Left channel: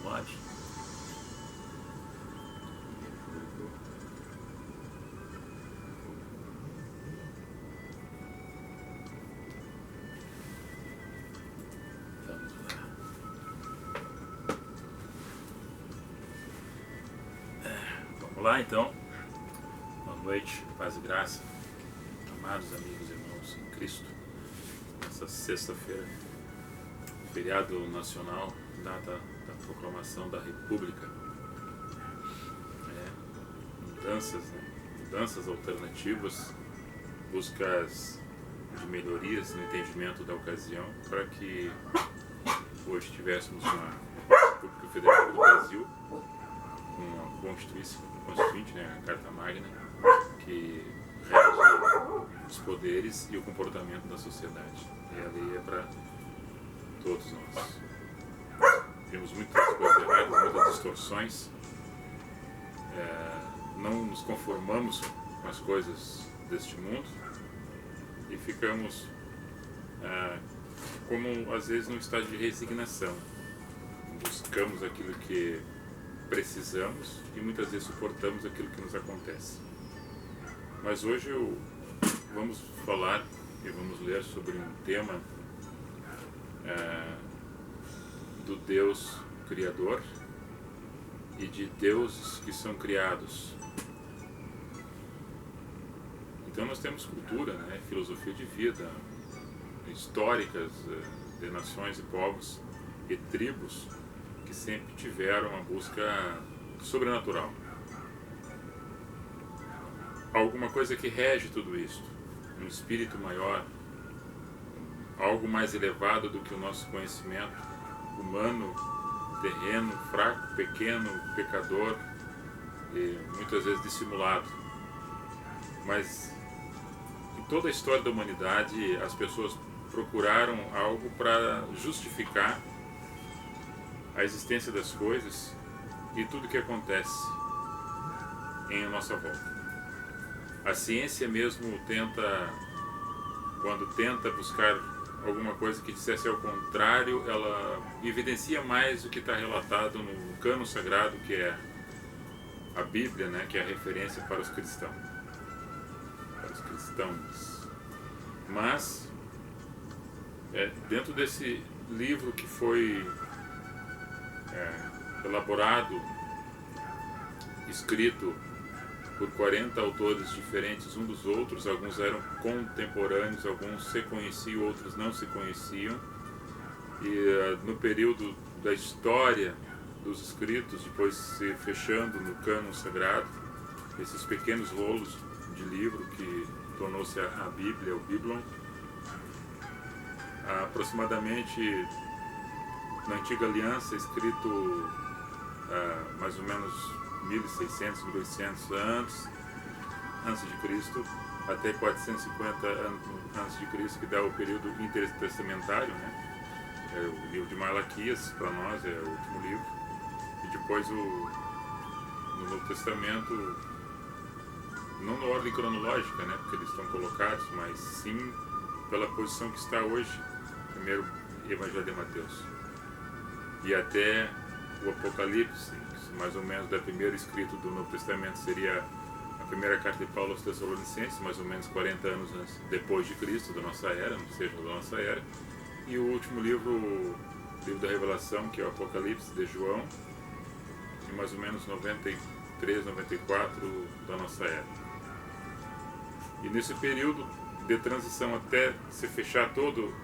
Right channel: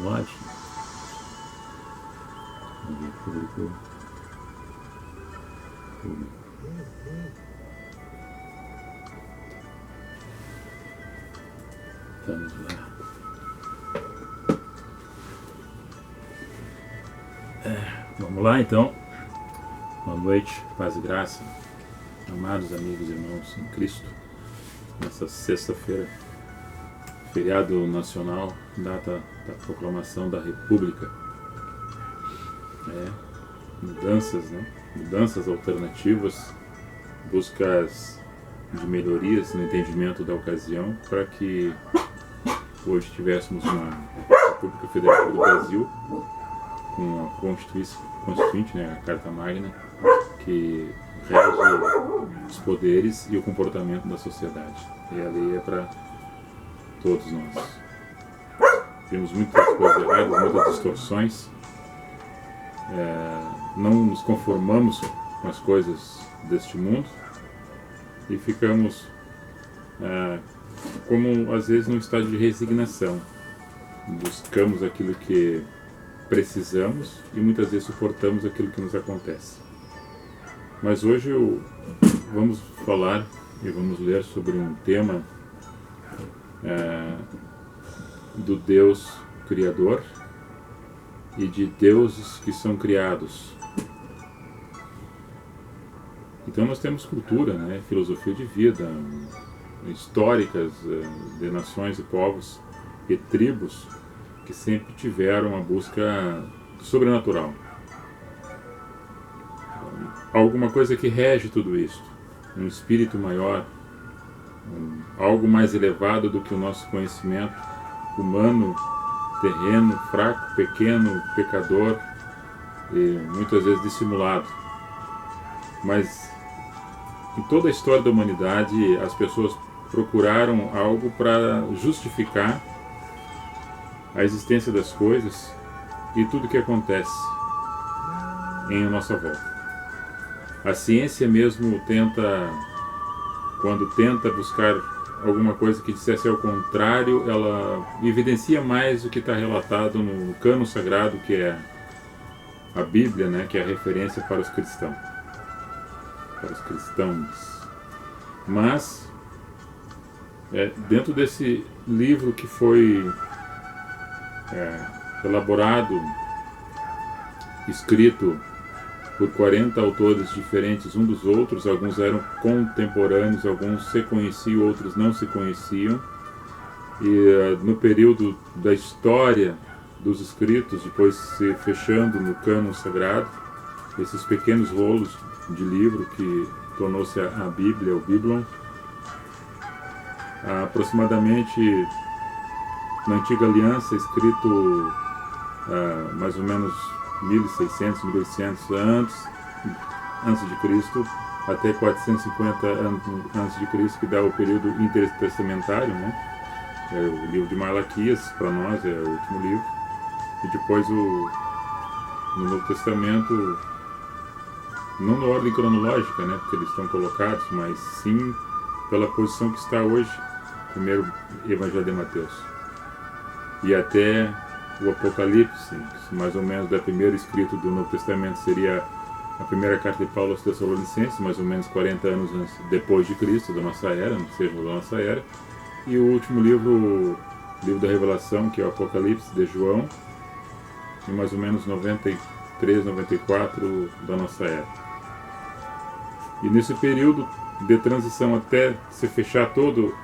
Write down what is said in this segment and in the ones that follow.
19. Vamos ver, público. Vamos lá. Vamos lá então. Boa noite, paz e graça, amados amigos e irmãos em Cristo. Nessa sexta-feira, feriado nacional, data da proclamação da República. Mudanças, né? Mudanças alternativas, buscas de melhorias no entendimento da ocasião, para que hoje tivéssemos uma República Federal do Brasil com a Constituinte, né, a Carta Magna, que rege os poderes e o comportamento da sociedade. E a lei é para todos nós. Temos muitas coisas erradas, muitas distorções. Não nos conformamos com as coisas deste mundo e ficamos como às vezes num estado de resignação. Buscamos aquilo que precisamos e muitas vezes suportamos aquilo que nos acontece. Mas hoje vamos falar e vamos ler sobre um tema do Deus Criador e de deuses que são criados. Então nós temos cultura, né, filosofia de vida, históricas de nações e povos e tribos que sempre tiveram a busca sobrenatural. Alguma coisa que rege tudo isso, um espírito maior, algo mais elevado do que o nosso conhecimento humano, terreno, fraco, pequeno, pecador e muitas vezes dissimulado. Mas em toda a história da humanidade as pessoas procuraram algo para justificar a existência das coisas e tudo que acontece em nossa volta. A ciência mesmo quando tenta buscar alguma coisa que dissesse ao contrário, ela evidencia mais o que está relatado no cânon sagrado, que é a Bíblia, né, que é a referência para os cristãos. Mas, dentro desse livro que foi elaborado, escrito por 40 autores diferentes um dos outros, alguns eram contemporâneos, alguns se conheciam, outros não se conheciam, e no período da história dos escritos, depois se fechando no cânon sagrado, esses pequenos rolos de livro que tornou-se a Bíblia, o Biblon, aproximadamente na Antiga Aliança, escrito mais ou menos 1600, 1800 antes de Cristo, até 450 antes de Cristo, que dá o período intertestamentário, né? O livro de Malaquias, para nós, é o último livro. E depois no Novo Testamento, não na ordem cronológica, né? Porque eles estão colocados, mas sim pela posição que está hoje, primeiro Evangelho de Mateus. E até o Apocalipse, que mais ou menos da primeira escrito do Novo Testamento seria a primeira carta de Paulo aos Tessalonicenses, mais ou menos 40 anos depois de Cristo, da nossa era, não seja da nossa era. E o último livro, o livro da Revelação, que é o Apocalipse de João, em mais ou menos 93, 94 da nossa era. E nesse período de transição até se fechar todo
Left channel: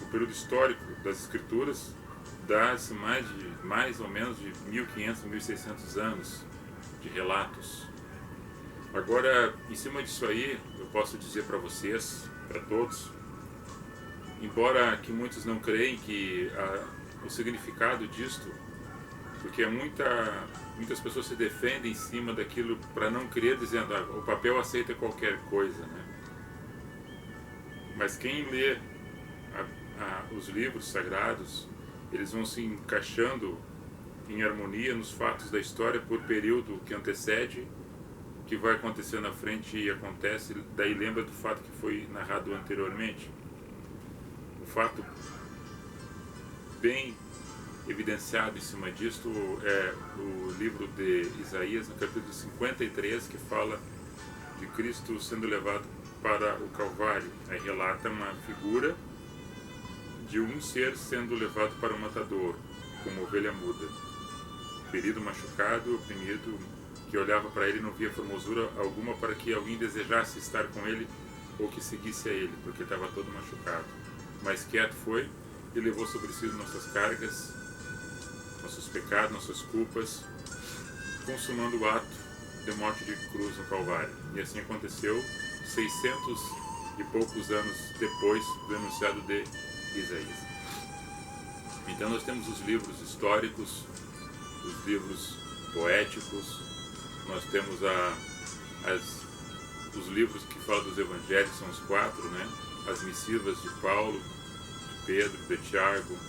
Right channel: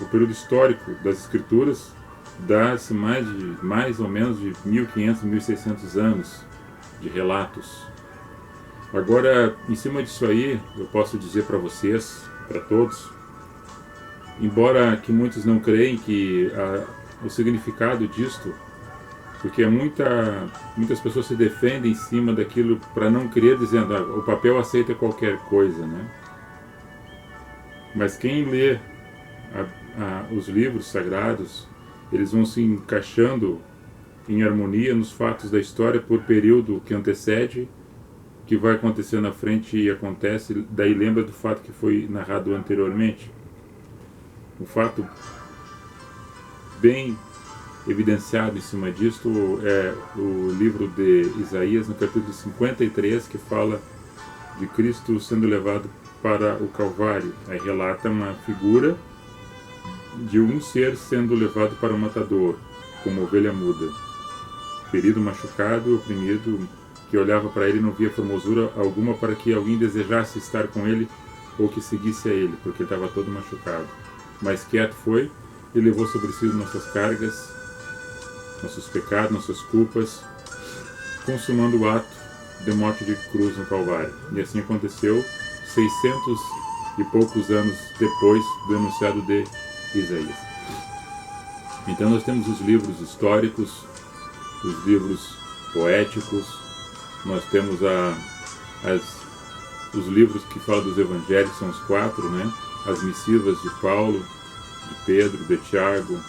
o período histórico das Escrituras, dá-se mais ou menos de 1500, 1600 anos de relatos. Agora, em cima disso aí, eu posso dizer para vocês, para todos, embora que muitos não creem que o significado disto, porque muitas pessoas se defendem em cima daquilo para não crer, dizendo o papel aceita qualquer coisa, né? Mas quem lê os livros sagrados, eles vão se encaixando em harmonia nos fatos da história por período que antecede, que vai acontecer na frente e acontece, daí lembra do fato que foi narrado anteriormente. Um fato bem evidenciado em cima disto é o livro de Isaías, no capítulo 53, que fala de Cristo sendo levado para o Calvário. Aí relata uma figura de um ser sendo levado para o matador, como ovelha muda, ferido, machucado, oprimido, que olhava para ele e não via formosura alguma para que alguém desejasse estar com ele ou que seguisse a ele, porque ele estava todo machucado. Mas quieto foi e levou sobre si nossas cargas, nossos pecados, nossas culpas, consumando o ato de morte de cruz no Calvário. E assim aconteceu 600 e poucos anos depois do enunciado de Isaías. Então nós temos os livros históricos, os livros poéticos, nós temos os livros que falam dos evangelhos, são os 4, né? As missivas de Paulo, de Pedro, de Tiago,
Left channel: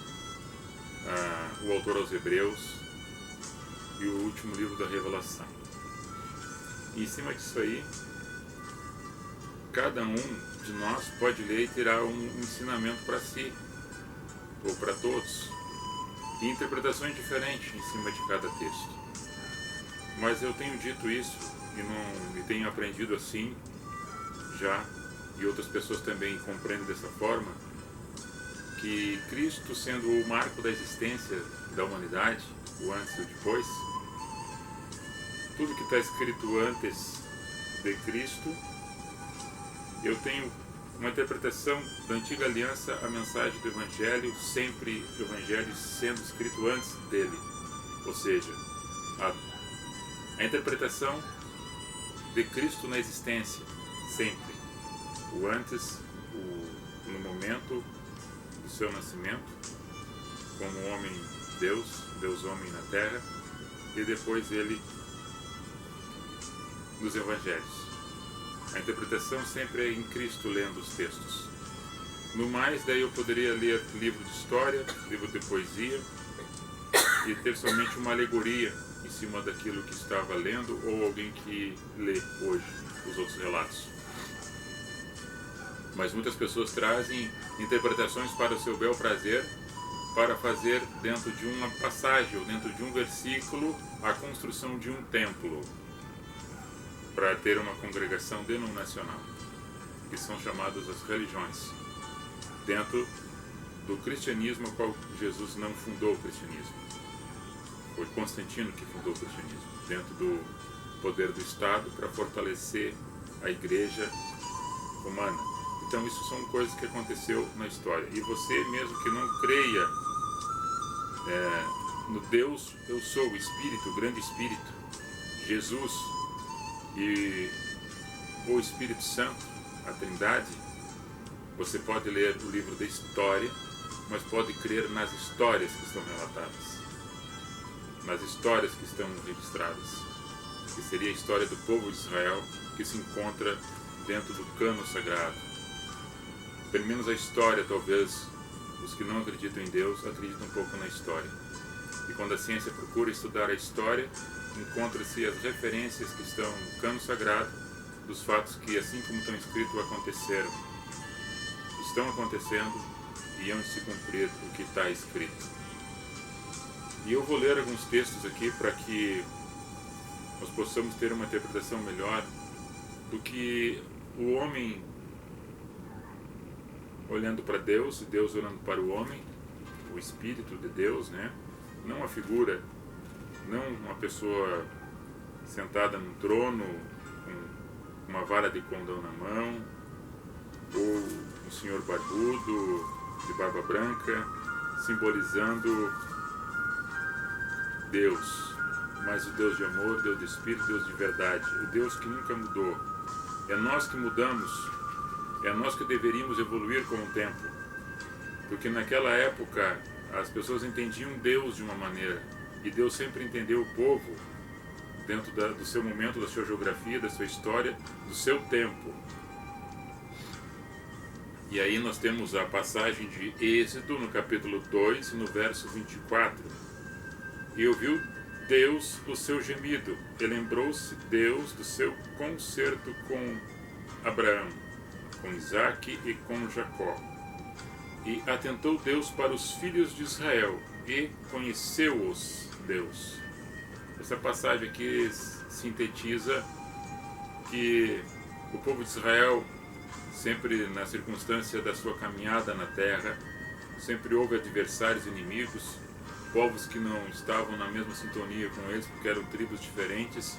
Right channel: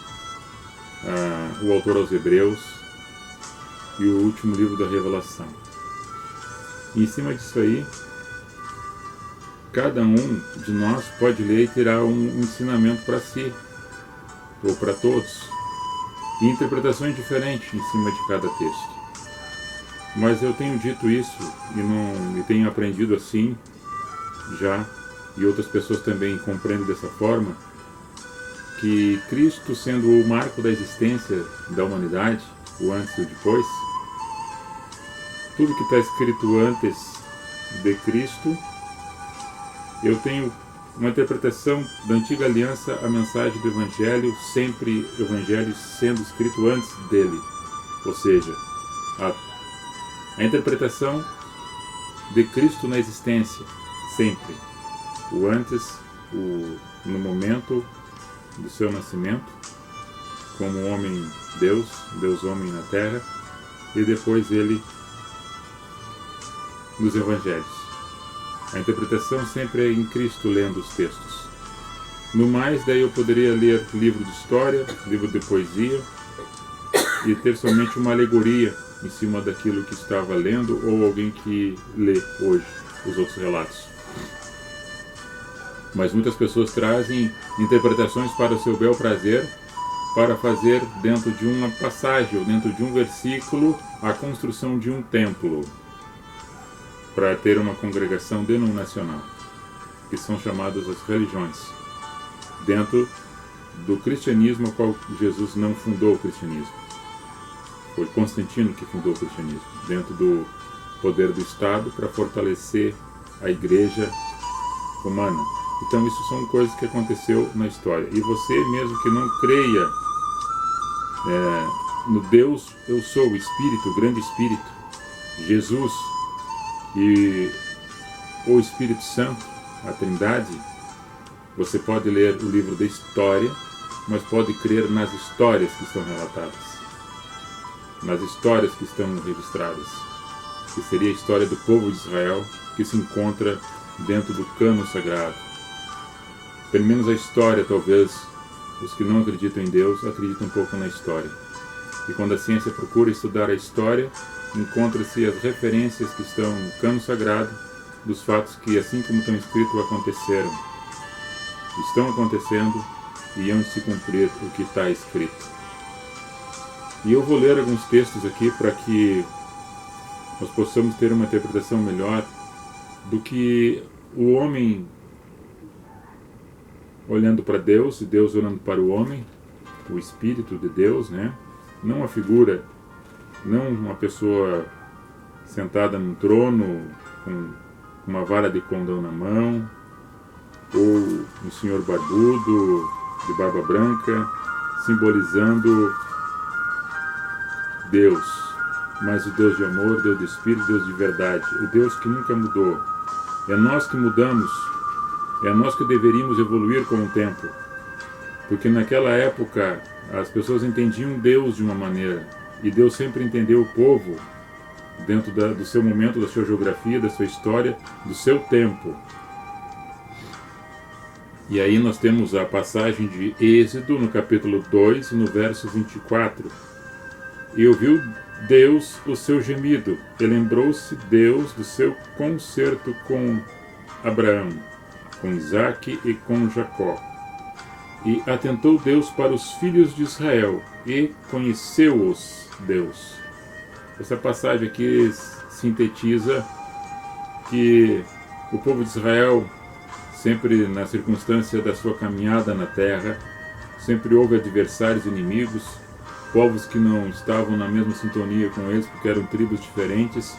o autor aos Hebreus e o último livro da Revelação. E em cima disso aí, cada um de nós pode ler e tirar um ensinamento para si, ou para todos, e interpretações diferentes em cima de cada texto. Mas eu tenho dito isso e tenho aprendido assim já, e outras pessoas também compreendem dessa forma, que Cristo sendo o marco da existência da humanidade, o antes e o depois, tudo que está escrito antes de Cristo, eu tenho uma interpretação da antiga aliança, a mensagem do Evangelho, sempre o Evangelho sendo escrito antes dele. Ou seja, a interpretação de Cristo na existência, sempre. O antes, no momento do seu nascimento, como homem-Deus, Deus-homem na terra, e depois ele nos Evangelhos. A interpretação sempre é em Cristo, lendo os textos. No mais, daí eu poderia ler livro de história, livro de poesia, e ter somente uma alegoria em cima daquilo que estava lendo, ou alguém que lê hoje os outros relatos. Mas muitas pessoas trazem interpretações para o seu bel prazer, para fazer dentro de uma passagem, ou dentro de um versículo, a construção de um templo, para ter uma congregação denominacional, que são chamadas as religiões, dentro do cristianismo, ao qual Jesus não fundou o cristianismo. Foi Constantino que fundou o cristianismo, dentro do poder do Estado, para fortalecer a igreja romana. Então isso são coisas que aconteceu na história. E você mesmo que não creia no Deus, eu sou o Espírito, o grande Espírito, Jesus e o Espírito Santo, a Trindade, você pode ler o livro da história, mas pode crer nas histórias que estão relatadas, nas histórias que estão registradas, que seria a história do povo de Israel, que se encontra dentro do cânon sagrado. Pelo menos a história, talvez, os que não acreditam em Deus, acreditam um pouco na história. E quando a ciência procura estudar a história, encontra-se as referências que estão no cânon sagrado dos fatos que, assim como estão escritos, aconteceram, estão acontecendo e iam se cumprir o que está escrito. E eu vou ler alguns textos aqui para que nós possamos ter uma interpretação melhor do que o homem olhando para Deus e Deus olhando para o homem, o Espírito de Deus, né? Não a figura, não uma pessoa sentada num trono com uma vara de condão na mão, ou um senhor barbudo, de barba branca, simbolizando Deus, mas o Deus de amor, Deus de Espírito, Deus de verdade, o Deus que nunca mudou. É nós que mudamos, é nós que deveríamos evoluir com o tempo, porque naquela época as pessoas entendiam Deus de uma maneira, e Deus sempre entendeu o povo dentro do seu momento, da sua geografia, da sua história, do seu tempo. E aí nós temos a passagem de Êxodo, no capítulo 2, no verso 24. E ouviu Deus o seu gemido, e lembrou-se Deus do seu concerto com Abraão, com Isaque e com Jacó. E atentou Deus para os filhos de Israel, e conheceu-os Deus. Essa passagem aqui sintetiza que o povo de Israel, sempre na circunstância da sua caminhada na terra, sempre houve adversários inimigos, povos que não estavam na mesma sintonia com eles, porque eram tribos diferentes,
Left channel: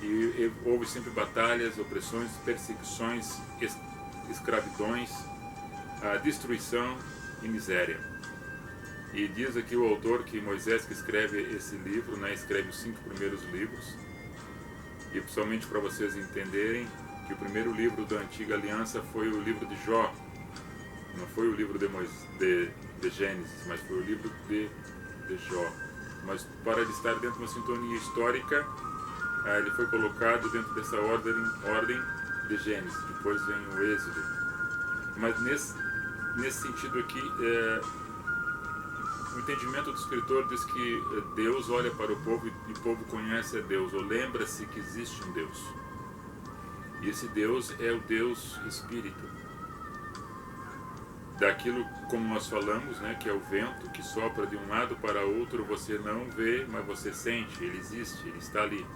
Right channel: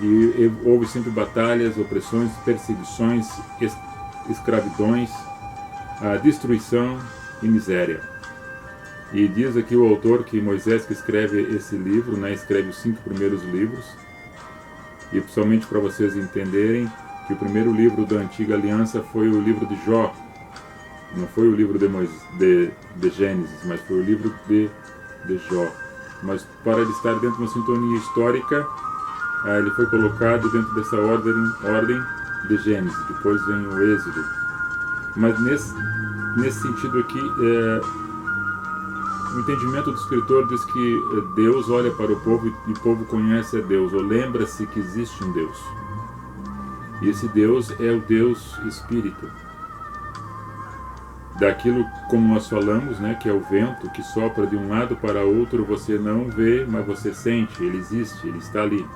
e houve sempre batalhas, opressões, perseguições, escravidões, a destruição e miséria. E diz aqui o autor que Moisés, que escreve esse livro, né, escreve os 5 primeiros livros, e principalmente para vocês entenderem que o primeiro livro da Antiga Aliança foi o livro de Jó, não foi o livro de Gênesis, mas foi o livro de Jó. Mas para ele estar dentro de uma sintonia histórica, ele foi colocado dentro dessa ordem de Gênesis, depois vem o Êxodo. Mas nesse sentido aqui, o entendimento do escritor diz que Deus olha para o povo e o povo conhece a Deus, ou lembra-se que existe um Deus. E esse Deus é o Deus Espírito. Daquilo, como nós falamos, né, que é o vento que sopra de um lado para outro, você não vê, mas você sente, ele existe, ele está ali.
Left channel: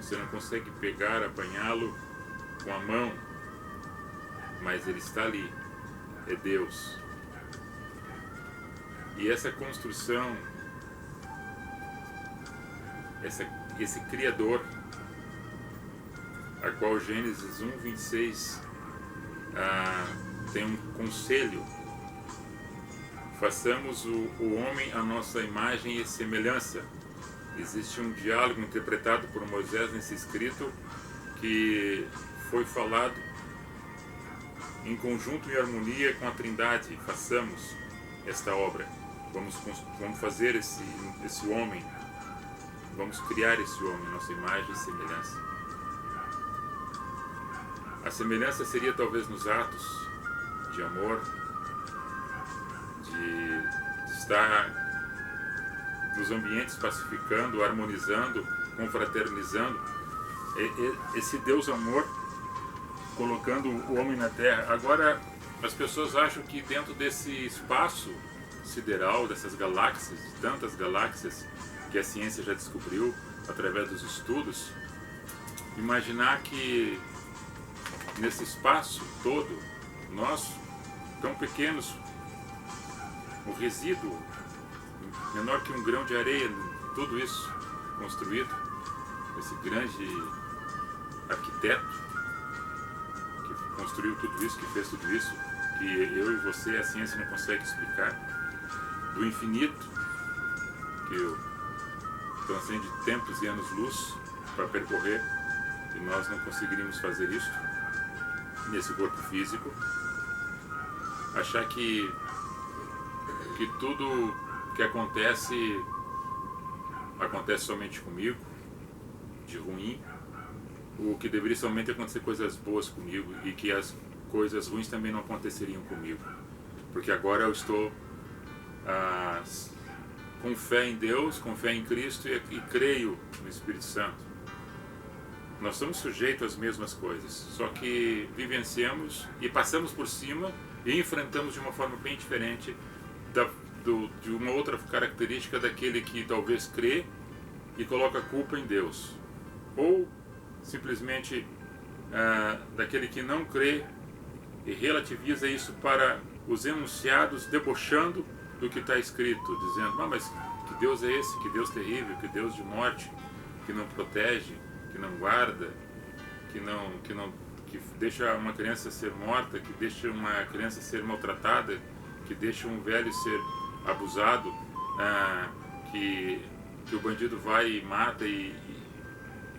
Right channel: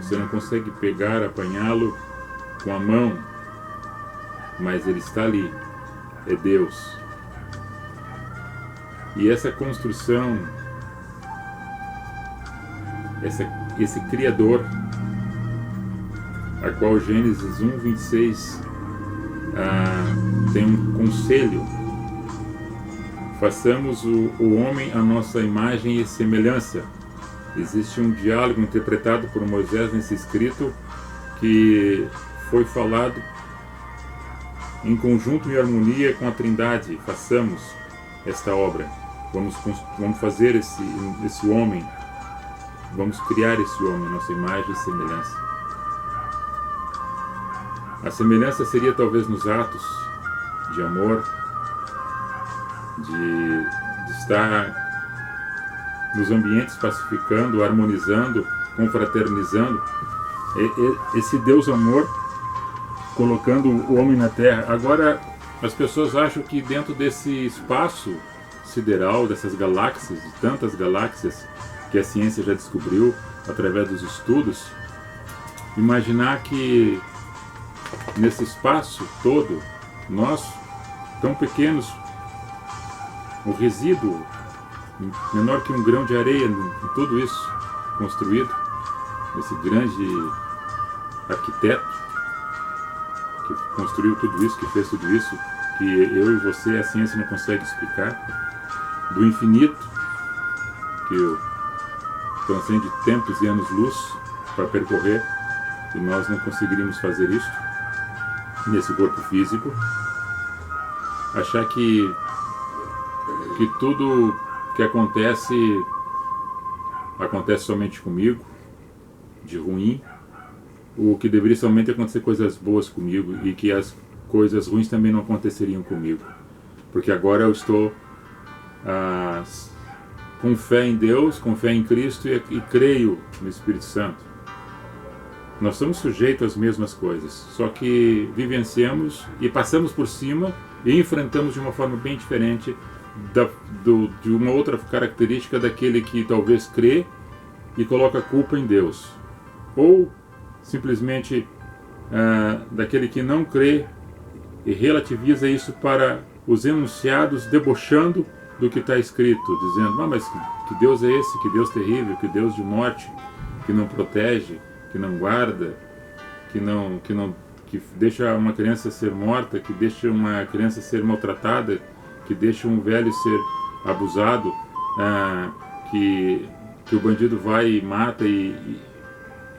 Você não consegue pegar, apanhá-lo com a mão, mas ele está ali, é Deus. E essa construção, esse Criador, a qual Gênesis 1:26 tem um conselho: façamos o homem à nossa imagem e semelhança. Existe um diálogo interpretado por Moisés nesse escrito que foi falado em conjunto e harmonia com a Trindade. Façamos esta obra, vamos fazer esse homem, vamos criar esse homem à nossa imagem e semelhança. A semelhança seria talvez nos atos de amor, de estar nos ambientes pacificando, harmonizando, confraternizando. Esse Deus amor colocando o homem na terra. Agora, as pessoas acham que dentro desse espaço sideral, dessas galáxias, de tantas galáxias que a ciência já descobriu através dos estudos, imaginar que nesse espaço todo, nós, tão pequenos, o resíduo menor que um grão de areia em tudo isso construído, esse grande arquiteto que construiu tudo isso, que fez tudo isso, que eu e você, a ciência não consegue explicar, do infinito, que transcende tempos e anos-luz para percorrer, e nós não conseguiríamos fazer isso nesse corpo físico. Achar que tudo que acontece somente comigo, de ruim, o que deveria somente acontecer coisas boas comigo, e que as coisas ruins também não aconteceriam comigo, porque agora eu estou com fé em Deus, com fé em Cristo, e creio no Espírito Santo. Nós somos sujeitos às mesmas coisas, só que vivenciamos e passamos por cima e enfrentamos de uma forma bem diferente de uma outra característica daquele que talvez crê e coloca a culpa em Deus, ou simplesmente daquele que não crê e relativiza isso para os enunciados, debochando do que está escrito, dizendo: mas que Deus é esse, que Deus terrível, que Deus de morte, que não protege, que não guarda, que deixa uma criança ser morta, que deixa uma criança ser maltratada, que deixa um velho ser abusado, que o bandido vai e mata e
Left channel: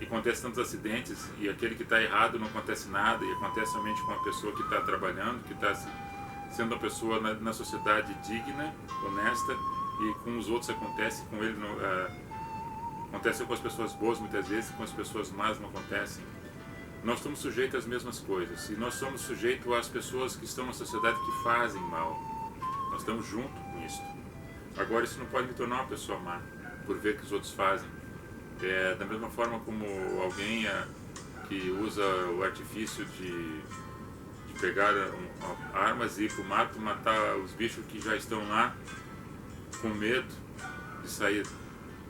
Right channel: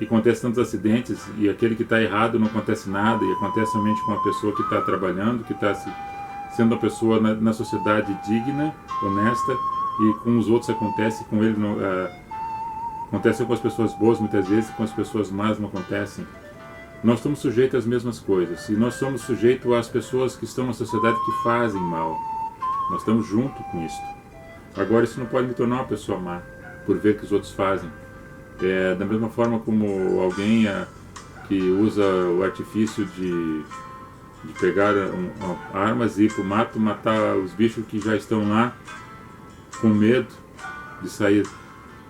acontece tantos acidentes, e aquele que está errado não acontece nada, e acontece somente com a pessoa que está trabalhando, que está sendo uma pessoa na sociedade digna, honesta, e com os outros acontece, com ele não, acontece com as pessoas boas muitas vezes, com as pessoas más não acontecem. Nós estamos sujeitos às mesmas coisas, e nós somos sujeitos às pessoas que estão na sociedade que fazem mal. Nós estamos junto com isso. Agora, isso não pode me tornar uma pessoa má, por ver que os outros fazem. Da mesma forma como alguém que usa o artifício de pegar armas e ir para o mato, matar os bichos que já estão lá com medo de sair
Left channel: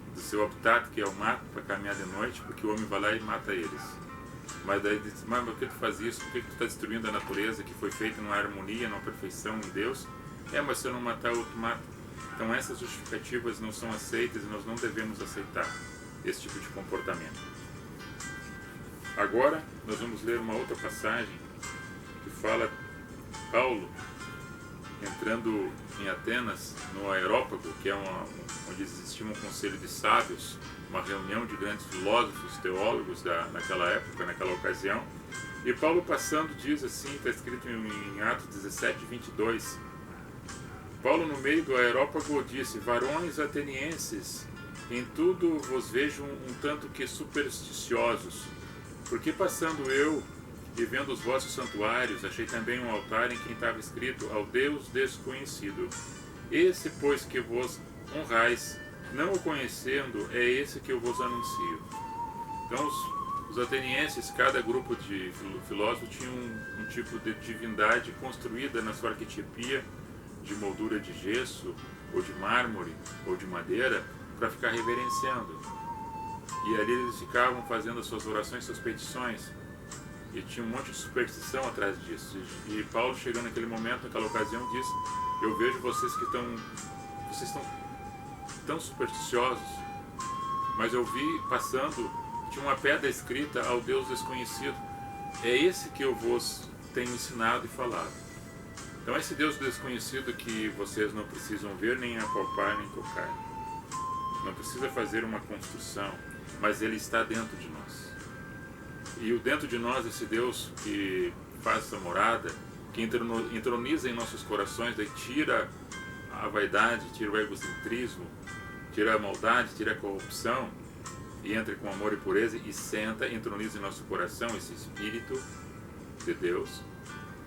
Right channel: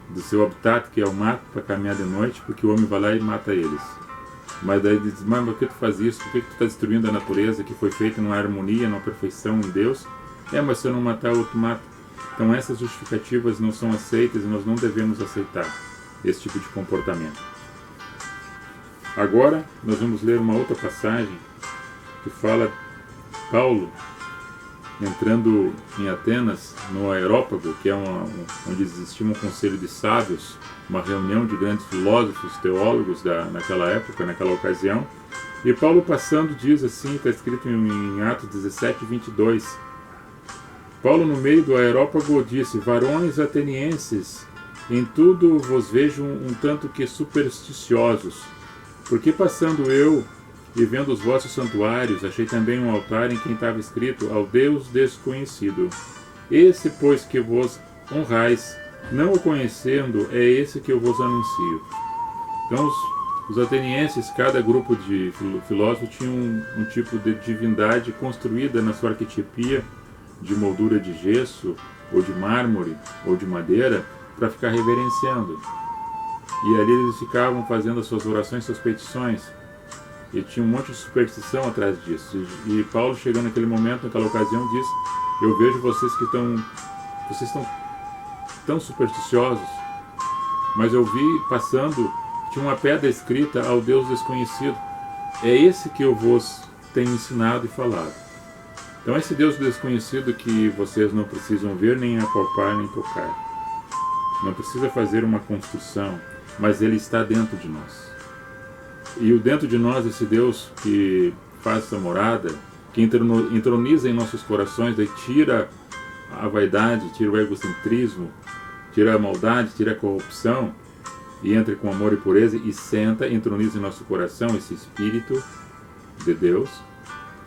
do seu habitat, que é o mato, para caminhar de noite, porque o homem vai lá e mata eles. Mas daí diz, mas por que tu faz isso? Por que tu está destruindo a natureza que foi feita numa harmonia, numa perfeição em Deus? Mas se eu não matar, o outro mata. Então essas justificativas não são aceitas e nós não devemos aceitar esse tipo de comportamento. Agora nós vamos ler uma outra passagem que fala Paulo entrando em Atenas, no Aerópago, que é onde existia um conselho de sábios, uma reunião de grandes filósofos, teólogos naquela época, naquela ocasião. E Paulo passando diz assim, está escrito em Atos 17, 22. Paulo, no meio do Aerópago, disse: varões atenienses, em tudo vos vejo um tanto que supersticiosos, porque passando eu e vendo os vossos santuários, achei também um altar em que estava escrito: ao Deus desconhecido. Esse, pois, que vos honrais, não o conhecendo, é esse que eu vos anuncio. Então, os atenienses, cada grupo de filósofos tinha um tipo de divindade construída na sua arquetipia, de moldura de gesso, ou de mármore, ou de madeira, para ficar reverenciando. E ali eles ficavam fazendo as suas orações, suas petições. E tinha um monte de superstição atrás disso. E Paulo, chegando naquele momento, naquela ocasião, diz: eu vejo vocês que estão tão supersticiosos, mas eu vi passando, tinha uma pedra escrita: ao Deus desconhecido. É esse que eu vos tenho ensinado e falado. Então esse Deus desconhecido que vocês não precisam ver, nem apalpar, nem tocar. Não precisa fazer uma construção, mas ele está dentro de nós. E o dentro de nós, esse Deus que faz essa morada, que entroniza em nossos corações, daí tira a vaidade, tira o egocentrismo, tira a maldade, tira a corrupção, e entra com amor e pureza, e senta, entroniza em nosso coração esse Espírito de Deus.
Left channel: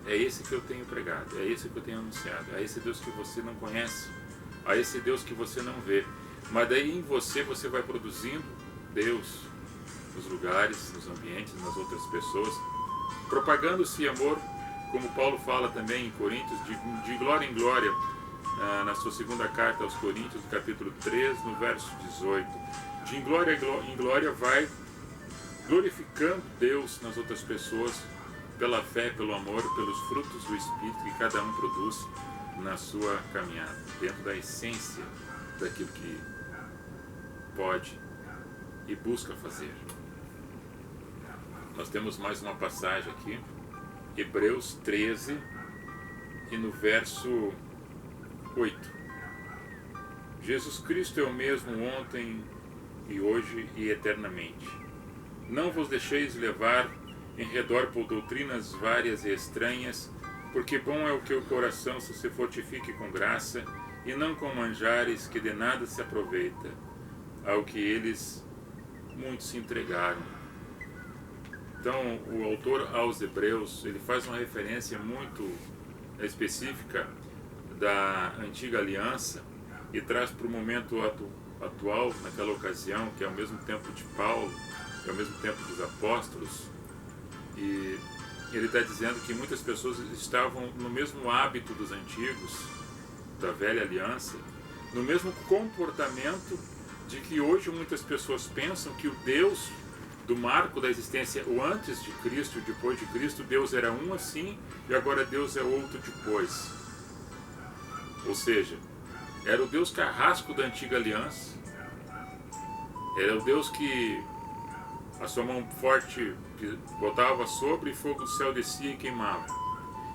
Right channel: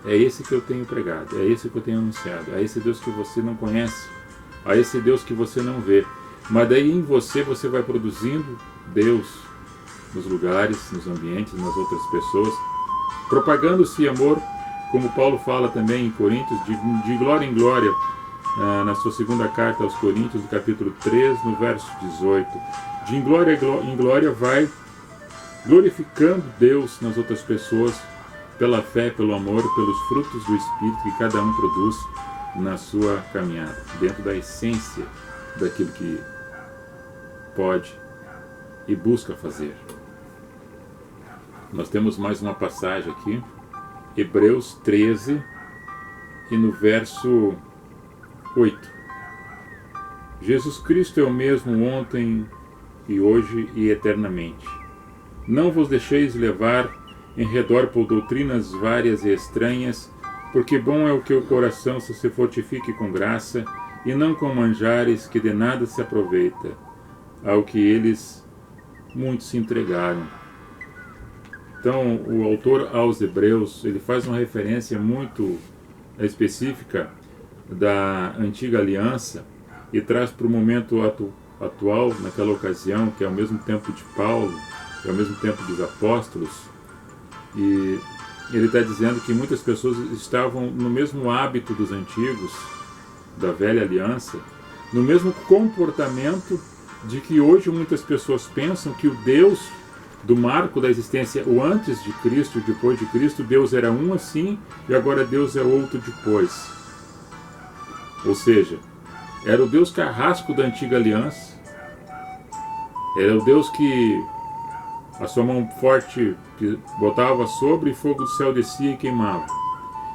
É esse que eu tenho pregado, é esse que eu tenho anunciado, é esse Deus que você não conhece, é esse Deus que você não vê. Mas daí em você vai produzindo Deus nos lugares, nos ambientes, nas outras pessoas, propagando-se amor, como Paulo fala também em Coríntios, de glória em glória, na sua segunda carta aos Coríntios, no capítulo 3, no verso 18. De glória em glória vai glorificando Deus nas outras pessoas, pela fé, pelo amor, pelos frutos do Espírito que cada um produz na sua caminhada, dentro da essência daquilo que pode e busca fazer. Nós temos mais uma passagem aqui, Hebreus 13, e no verso 8. Jesus Cristo é o mesmo ontem e hoje e eternamente. Não vos deixeis levar em redor por doutrinas várias e estranhas, porque bom é o que o coração se fortifique com graça, e não com manjares que de nada se aproveita, ao que eles muitos se entregaram. Então, o autor aos Hebreus, ele faz uma referência muito específica da antiga aliança e traz para o momento atual, naquela ocasião, que é o mesmo tempo de Paulo, é o mesmo tempo dos apóstolos, e ele está dizendo que muitas pessoas estavam no mesmo hábito dos antigos, da velha aliança, no mesmo comportamento de que hoje muitas pessoas pensam que o Deus do marco da existência, o antes de Cristo e depois de Cristo, Deus era um assim e agora Deus é outro depois. Ou seja, era o Deus carrasco da antiga aliança, era o Deus que a sua mão forte que botava sobre e fogo do céu descia e queimava.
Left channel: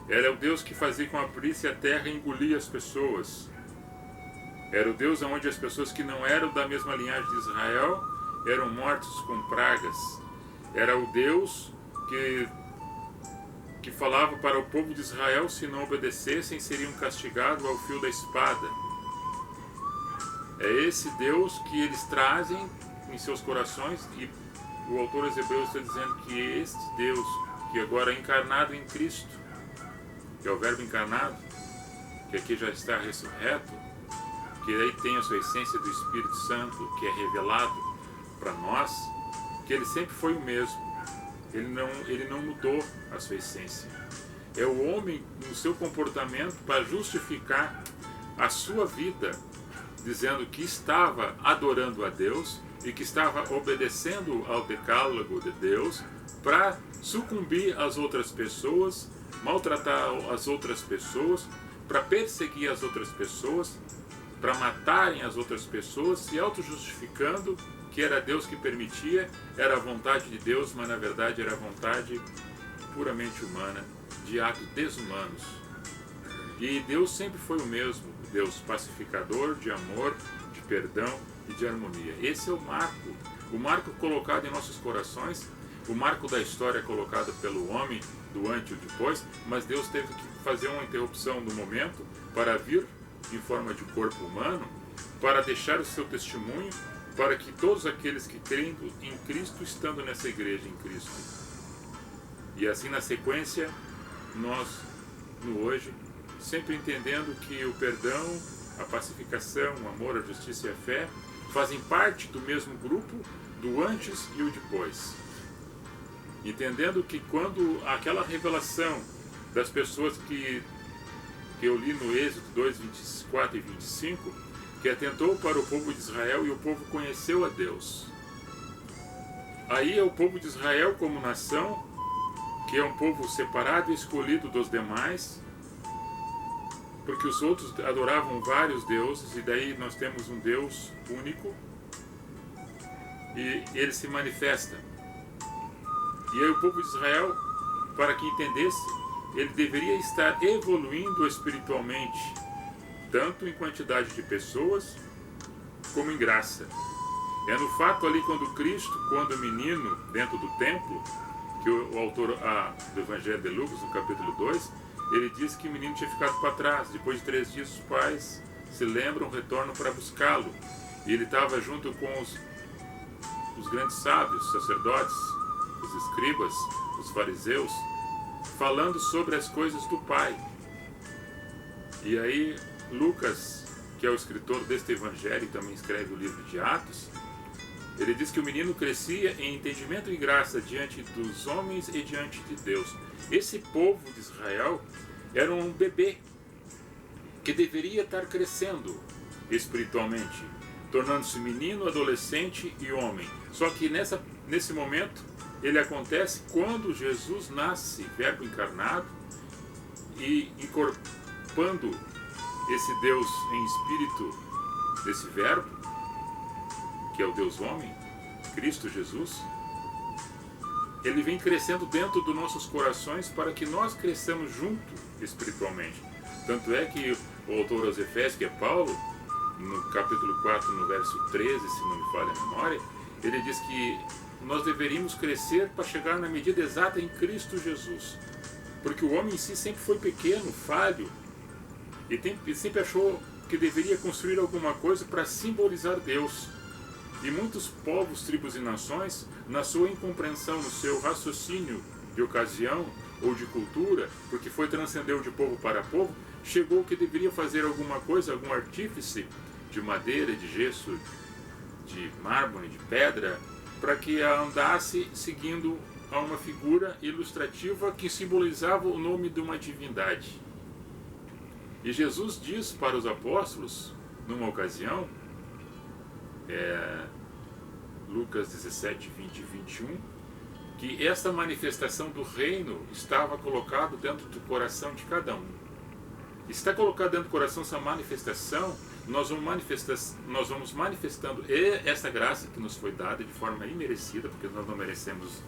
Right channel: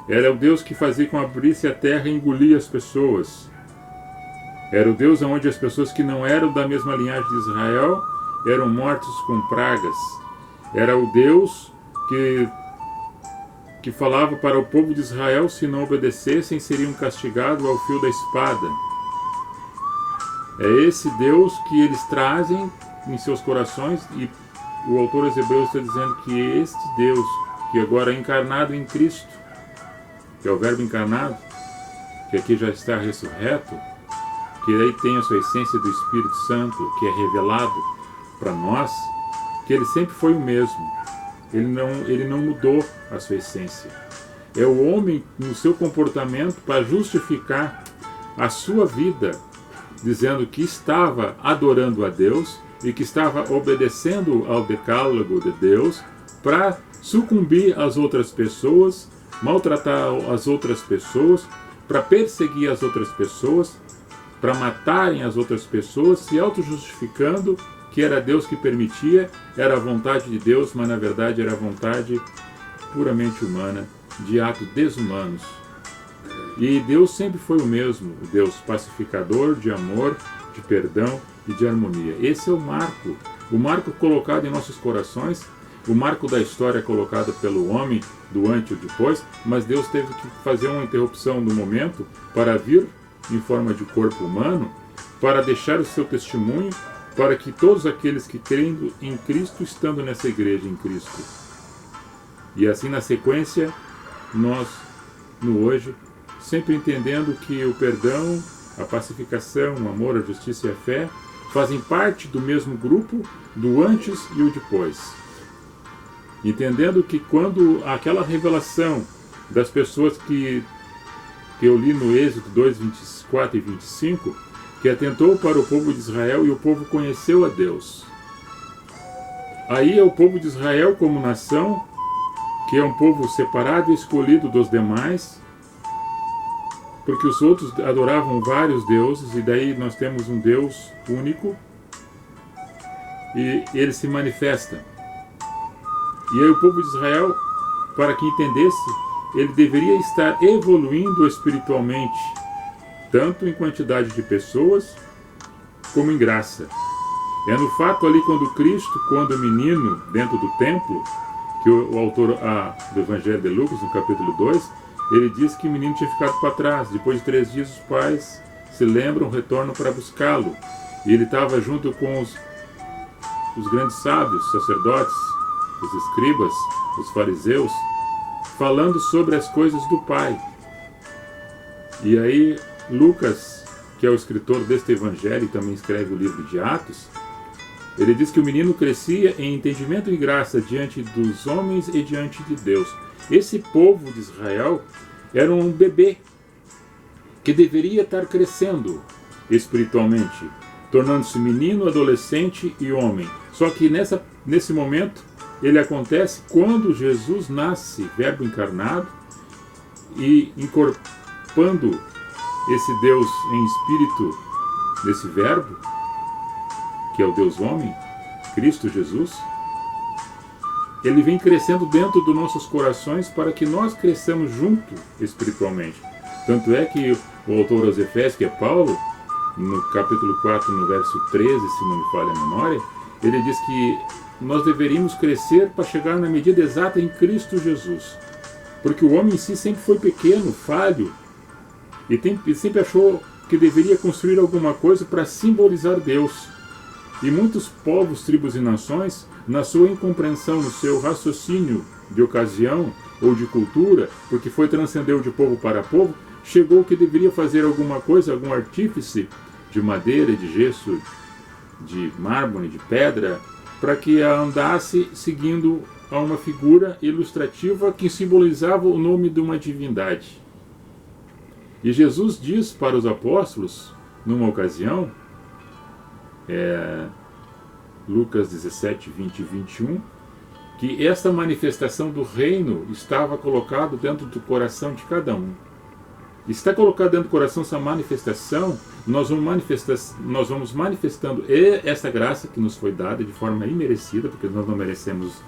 Era o Deus que fazia com abrisse a terra e engolia as pessoas. Era o Deus onde as pessoas que não eram da mesma linhagem de Israel eram mortos com pragas. Era o Deus que falava para o povo de Israel: se não obedecessem, seriam castigados ao fio da espada. É esse Deus que eles trazem em seus corações, e o autor aos Hebreus está dizendo que este Deus, que agora é encarnado em Cristo, que é o Verbo encarnado, que aqui já está ressurreto, que aí tem a sua essência do Espírito Santo, que é revelado para nós, que ele sempre foi o mesmo. Ele não mudou a sua essência. é o homem no seu comportamento para justificar a sua vida, dizendo que estava adorando a Deus e que estava obedecendo ao decálogo de Deus, para sucumbir às outras pessoas, maltratar as outras pessoas, para perseguir as outras pessoas, para matarem as outras pessoas, se auto-justificando que era Deus que permitia, era a vontade de Deus, mas na verdade era a vontade puramente humana, de atos desumanos. E Deus sempre foi o mesmo, o Deus pacificador, de amor, de perdão e de harmonia. Esse é o marco colocado em nossos corações, o marco da história colocado pelo homem, do antes e o depois, mas Deus teve que fazer uma interrupção do momento para vir em forma de corpo humano, para deixar o seu testemunho, para que todos aqueles que creem em Cristo, estando nessa igreja em Cristo. E assim na sequência, nós, no hoje, sempre entendendo que o perdão, a pacificação, o amor, a justiça e a fé fazem parte do mesmo grupo, do antes e o depois. Entendendo que quando aquela revelação das pessoas que eu li no Êxodo 2, 24 e 25, que atentou para o povo de Israel e o povo conheceu a Deus. Aí é o povo de Israel como nação, que é um povo separado e escolhido dos demais, porque os outros adoravam vários deuses, e daí nós temos um Deus único, e ele se manifesta. E aí o povo de Israel, para que entendesse, ele deveria estar evoluindo espiritualmente, tanto em quantidade de pessoas, como em graça. É no fato ali quando menino, dentro do templo, que o autor do Evangelho de Lucas, no capítulo 2, ele diz que o menino tinha ficado para trás. Depois de 3 dias, os pais se lembram, retornam para buscá-lo. E ele estava junto com os grandes sábios, sacerdotes, os escribas, os fariseus, falando sobre as coisas do Pai. E aí Lucas, que é o escritor deste evangelho e também escreve o livro de Atos, ele diz que o menino crescia em entendimento e graça diante dos homens e diante de Deus. Esse povo de Israel era um bebê que deveria estar crescendo espiritualmente, tornando-se menino, adolescente e homem. Só que nesse momento ele acontece quando Jesus nasce, verbo encarnado, e incorporando esse Deus em espírito desse verbo, que é o Deus homem, Cristo Jesus, ele vem crescendo dentro dos nossos corações para que nós cresçamos junto espiritualmente. Tanto é que o autor aos Efésios, que é Paulo, no capítulo 4, no verso 13, se não me falha a memória, ele diz que nós deveríamos crescer para chegar na medida exata em Cristo Jesus. Porque o homem em si sempre foi pequeno, falho, e sempre achou que deveria construir alguma coisa para simbolizar Deus. E muitos povos, tribos e nações, na sua incompreensão, no seu raciocínio de ocasião ou de cultura, porque foi transcendeu de povo para povo, chegou que deveria fazer alguma coisa, algum artífice de madeira, de gesso, de mármore, de pedra, para que andasse seguindo a uma figura ilustrativa que simbolizava o nome de uma divindade. E Jesus diz para os apóstolos, numa ocasião, Lucas 17, 20 e 21, que essa manifestação do reino estava colocado dentro do coração de cada um. Está colocado dentro do coração essa manifestação, nós vamos manifestando essa graça que nos foi dada de forma imerecida, porque nós não merecemos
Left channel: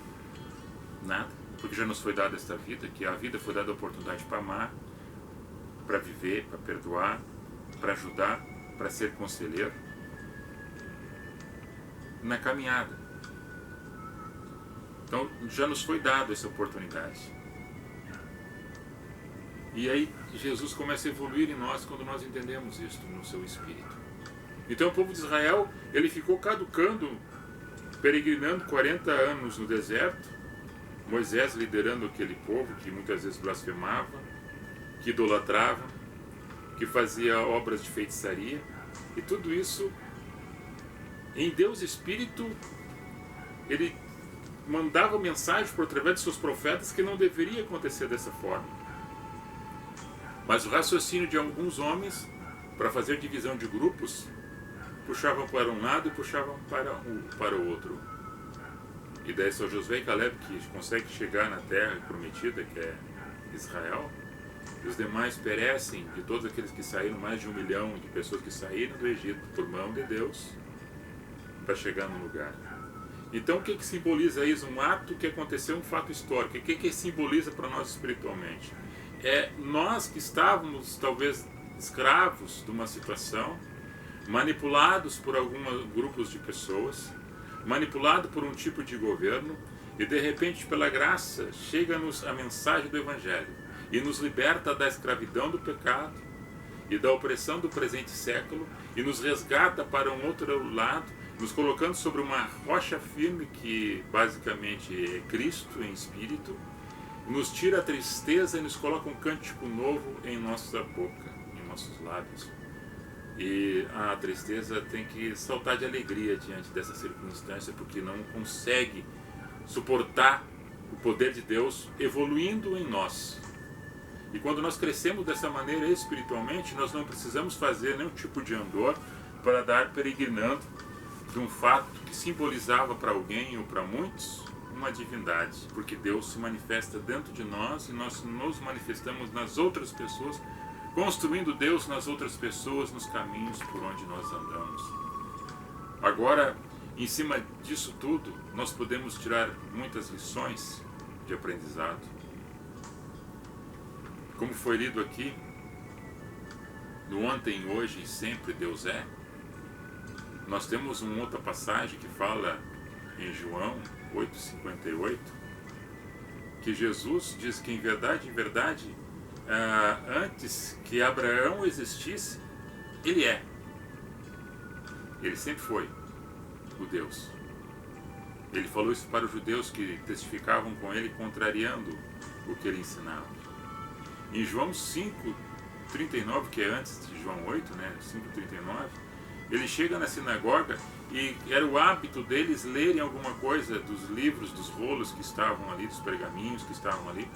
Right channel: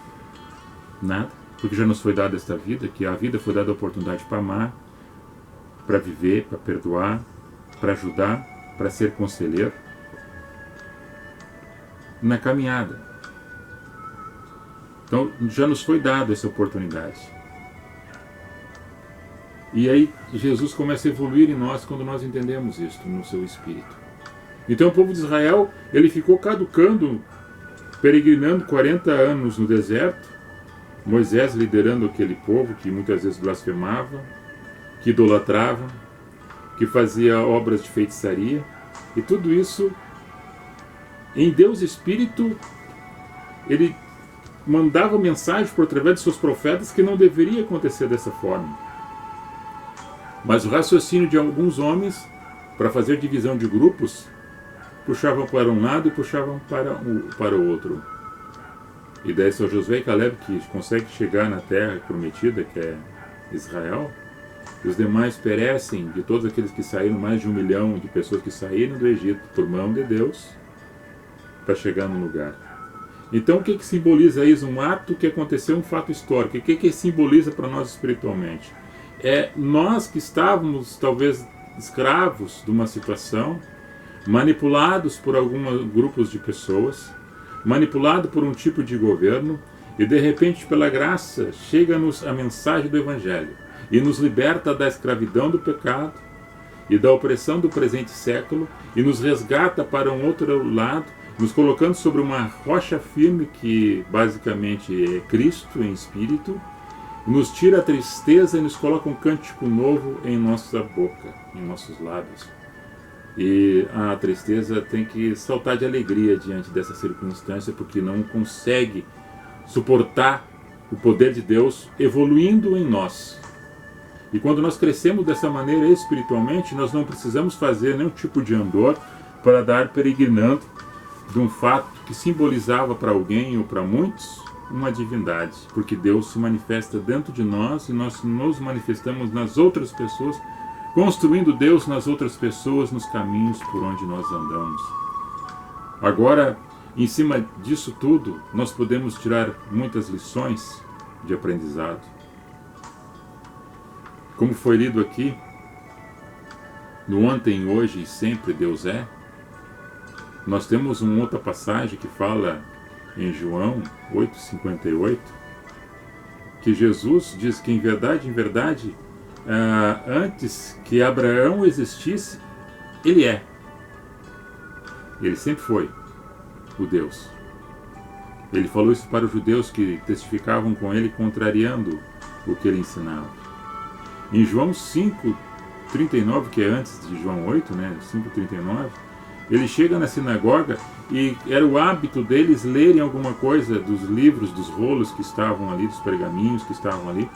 nada, porque já nos foi dada esta vida, que a vida foi dada a oportunidade para amar, para viver, para perdoar, para ajudar, para ser conselheiro na caminhada. Então já nos foi dada essa oportunidade. E aí Jesus começa a evoluir em nós quando nós entendemos isto no seu espírito. Então o povo de Israel, ele ficou caducando, peregrinando 40 anos no deserto, Moisés liderando aquele povo que muitas vezes blasfemava, que idolatrava, que fazia obras de feitiçaria, e tudo isso em Deus Espírito, ele mandava mensagem por através de seus profetas que não deveria acontecer dessa forma. Mas o raciocínio de alguns homens, para fazer divisão de grupos, puxavam para um lado e puxavam para o outro. E daí são Josué e Caleb que conseguem chegar na terra prometida, que é Israel, e os demais perecem de todos aqueles que saíram, mais de 1 milhão de pessoas que saíram do Egito por mão de Deus para chegar no lugar. Então o que simboliza isso? Um ato que aconteceu, um fato histórico. O que simboliza para nós espiritualmente? É nós que estávamos talvez escravos de uma situação, manipulados por alguns grupos de pessoas, manipulado por um tipo de governo, e de repente, pela graça, chega-nos a mensagem do Evangelho e nos liberta da escravidão do pecado e da opressão do presente século e nos resgata para um outro lado, nos colocando sobre uma rocha firme que basicamente é Cristo em espírito, nos tira a tristeza e nos coloca um cântico novo em nossa boca, em nossos lábios. E a tristeza tem que saltar de alegria diante dessa circunstância, porque não consegue suportar o poder de Deus evoluindo em nós. E quando nós crescemos dessa maneira espiritualmente, nós não precisamos fazer nenhum tipo de andor para dar peregrinando de um fato que simbolizava para alguém ou para muitos uma divindade, porque Deus se manifesta dentro de nós e nós nos manifestamos nas outras pessoas, construindo Deus nas outras pessoas, nos caminhos por onde nós andamos. Agora, em cima disso tudo, nós podemos tirar muitas lições de aprendizado. Como foi lido aqui, no ontem, hoje e sempre Deus é, nós temos uma outra passagem que fala em João 8,58, que Jesus diz que em verdade, antes que Abraão existisse, ele é. Ele sempre foi o Deus. Ele falou isso para os judeus que testificavam com ele, contrariando o que ele ensinava. Em João 5,39, que é antes de João 8, 5,39, ele chega na sinagoga e era o hábito deles lerem alguma coisa dos livros, dos rolos que estavam ali, dos pergaminhos que estavam ali,